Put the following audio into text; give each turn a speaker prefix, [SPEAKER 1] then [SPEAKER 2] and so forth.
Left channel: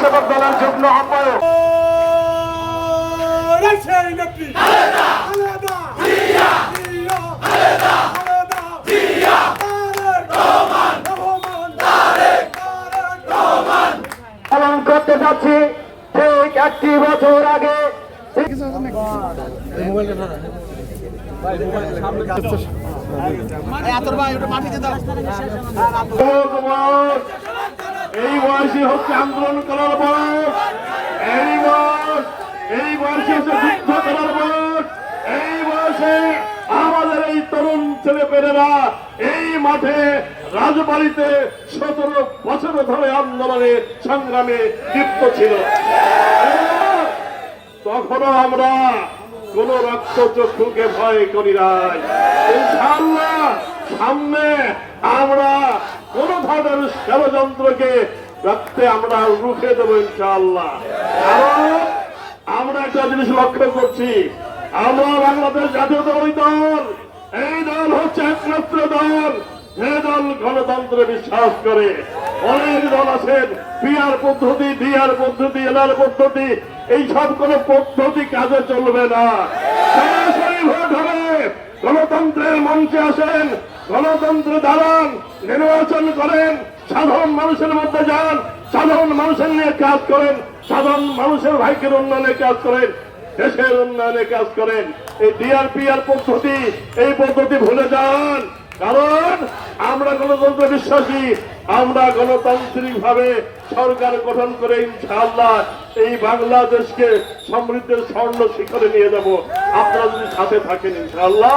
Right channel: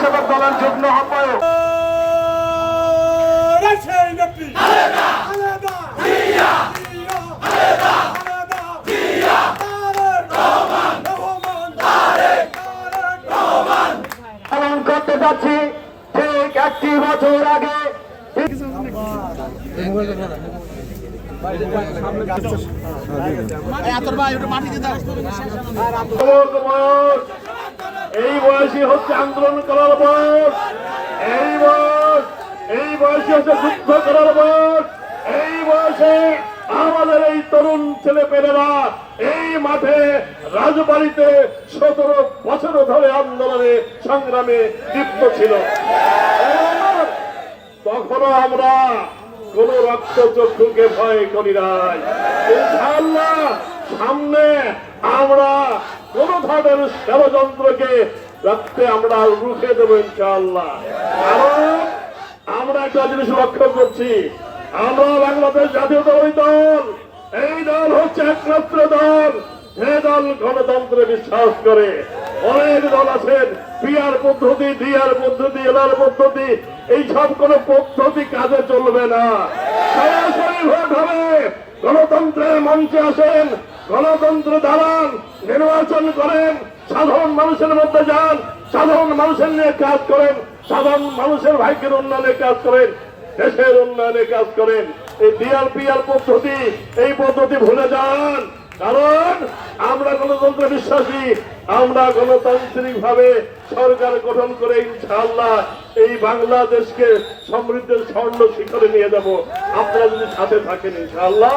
[SPEAKER 1] সেবক দলের যুগ্ম আহ্বায়ক।
[SPEAKER 2] রাজশাহী নেত্রী। তারেক। রহমান।
[SPEAKER 1] পালন করতে যাচ্ছি ঠিক একটি বছর আগে। এই বয়সে হচ্ছে আন্দোলন করার বয়স। এই বয়স, এই বয়সে হচ্ছে যুদ্ধ করার বয়স। এই বয়সে আমাদের এই তরুণ ছেলে পেলেরা এই মাঠে রাজবাড়িতে সতেরো বছর ধরে আন্দোলনে সংগ্রামে লিপ্ত ছিল। তখনও আমরা কোন রক্ত চক্ষুকে ভয় করি নাই। সামনে আমরা কোন ধরনের ষড়যন্ত্রকে রাখতে আমরা রুখে দেবো ইনশাআল্লাহ। আমরা একটা জিনিস লক্ষ্য করছি, আমরা বাংলাদেশ জাতীয় দল, এই দল হচ্ছে একমাত্র দল, যে দল গণতন্ত্রে বিশ্বাস করে। অনেক দল আছেন পিআর পদ্ধতি ডিআর পদ্ধতি এলআর পদ্ধতি, এই সব কোন পদ্ধতি কাজে চলবে না। সরাসরি ভোট হবে, গণতন্ত্রের মঞ্চে আসেন গণতন্ত্রে দাঁড়ান নির্বাচন করেন, সাধারণ মানুষের মধ্যে যান, সাধারণ মানুষের নিয়ে কাজ করেন, সাধারণ মানুষের ভাইকের উন্নয়নে কাজ করেন, দেশের উন্নয়নে কাজ করেন। এই ডিআরপিআর পদ্ধতি, এই পদ্ধতি ভুলে যান। কারণ আমরা গণতন্ত্র বিশ্বাসী, আমরা গণতান্ত্রিক ভাবে সরকার গঠন করে ইনশাআল্লাহ এই বাংলাদেশকে সমৃদ্ধের স্বর্ণ শিখরে নিয়ে যাব। আপনারা যদি সাথে থাকেন ইনশাআল্লাহ।